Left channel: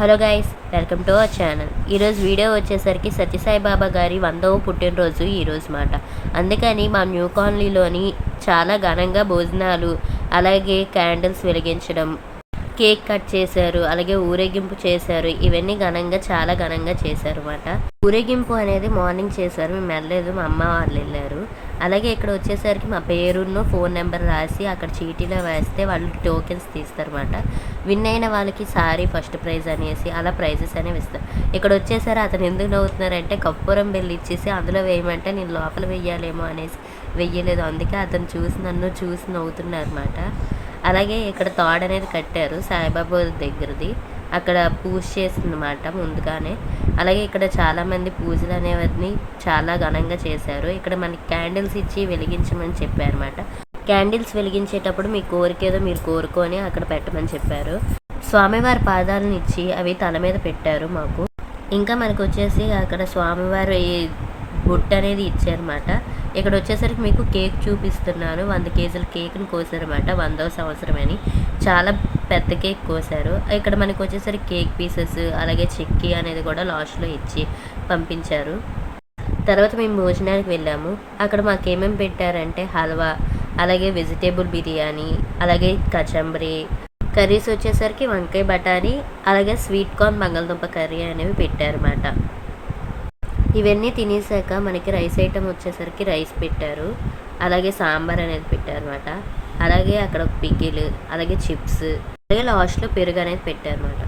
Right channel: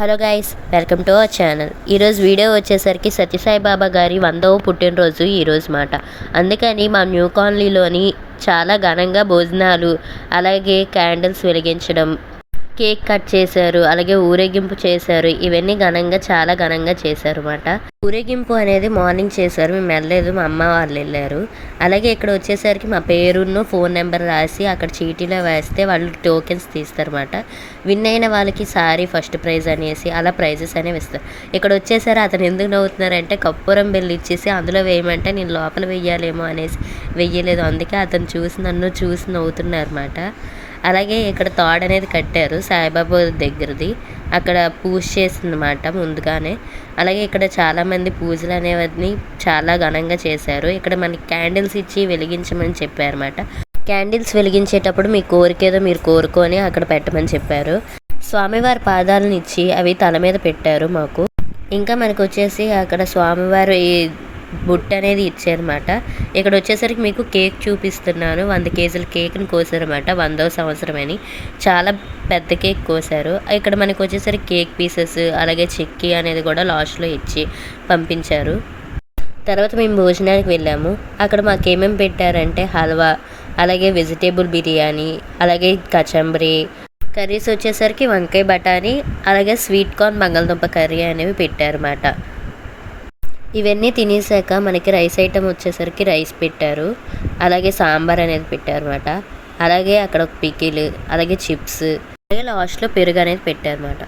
Hello guys, welcome to our channel. ఈరోజు video వచ్చేసరికి సత్యసాయి బాబా గారి 100వ పుట్టినరోజు ఈరోజు మాట. అందుకని మా న్యూ కాలనీలోని చాలా ఘనంగా భోజనాలు, అలాగే క్యాండిల్స్ వెలిగించడం, కేక్ కట్ చేశారు, అలాగే ఊరేగింపు చేశారు. ఇవన్నీ చాలా ఘనంగా చేశారు అన్నమాట. ఊరేగింపు అనేది మార్నింగ్ చేశారు, మేము వెళ్ళలేదు, మా అమ్మ వాళ్ళు వెళ్ళారు. అలాగే ఇక్కడ వచ్చేసరికి మా పేరును ఫోన్ నెంబర్ రాసి అక్కడ చీటీలో వేస్తే వాళ్ళు టోకెన్స్ తీస్తారన్నమాట. విన్ అయిన వాళ్ళకి సారీ ఫస్ట్ ప్రైజ్ అనేసి అలా ప్రైజెస్ అనేవి ఇస్తారు. ఇక్కడ వచ్చేసరి అతను ఎందుకు నవ్వుతున్నారంటే కర్పూరం బిల్లు ఇచ్చేసి అందులో వేయమంటే నేను లోపల వెయ్యాలేమో అనేసి వెయ్యలేదు. అందుకే అతను నన్ను చూసి నవ్వుతున్నారన్నమాట. అలాగే ఇక్కడ తాడు అనేది కట్టారు సాయిబాబా దగ్గరది, అక్కడ పూజ చేసిందన్నమాట ముందుగానే. అలాగే ఇక్కడ చాలామంది పూజలు అనేవన్నీ చాలా ఘనంగా చేశారు. ఇక్కడ మనకి క్యాండిల్స్ ఇచ్చి వెలిగించమని చెప్పారన్నమాట. క్యాండిల్స్ వెలిగించేటప్పుడు మీ కోరికేదో మీరు కోరుకొని అక్కడ పెట్టమని చెప్పారు. స్వామివారి పాదాలను ఇచ్చి అవి తల మీద పెట్టారు మాకు. ఇంకా మనకు వచ్చేసి అక్కడ స్వామివారి బుట్ట అనేది ఇచ్చారన్నమాట. ఇక్కడ వచ్చేసరికి మీకు కేక్ చూపిస్తున్నాను. 100 కేజీల కేక్ని కోసారన్నమాట. 100వ సంవత్సరం అని చాలా పెద్ద కేక్ కోసారు. ఇక్కడ మనకు వచ్చేసరికి కేక్ పీసెస్, అలాగే చిక్కీ అనేది కూడా లాస్ట్లో ఇచ్చి పంపించారు. తర్వాత మేము భోజనానికి వెళ్ళాము. అక్కడ మాకు ఏమేమి పెట్టారంటే హల్వా, అలాగే వెజిటేబుల్ బిర్యానీ, అలాగే కచంబరి, కర్రీస్ వచ్చేసరికి వంకాయ బఠానీ, అలాగే స్వీట్ కార్న్ బంగాళదుంప కర్రీ అనేవి పెట్టారన్నమాట. ఇవన్నీ తినేసాక మనకి రైస్ ఐటమ్ వచ్చేసరికి రైస్ పెట్టారు, అలాగే సాంబార్ అనేది పెట్టారన్నమాట. అలాగే అక్కడ పికిల్, అలాగే చిప్స్, అలాగే లాస్ట్లో పెరుగు అనేది పెట్టారన్నమాట.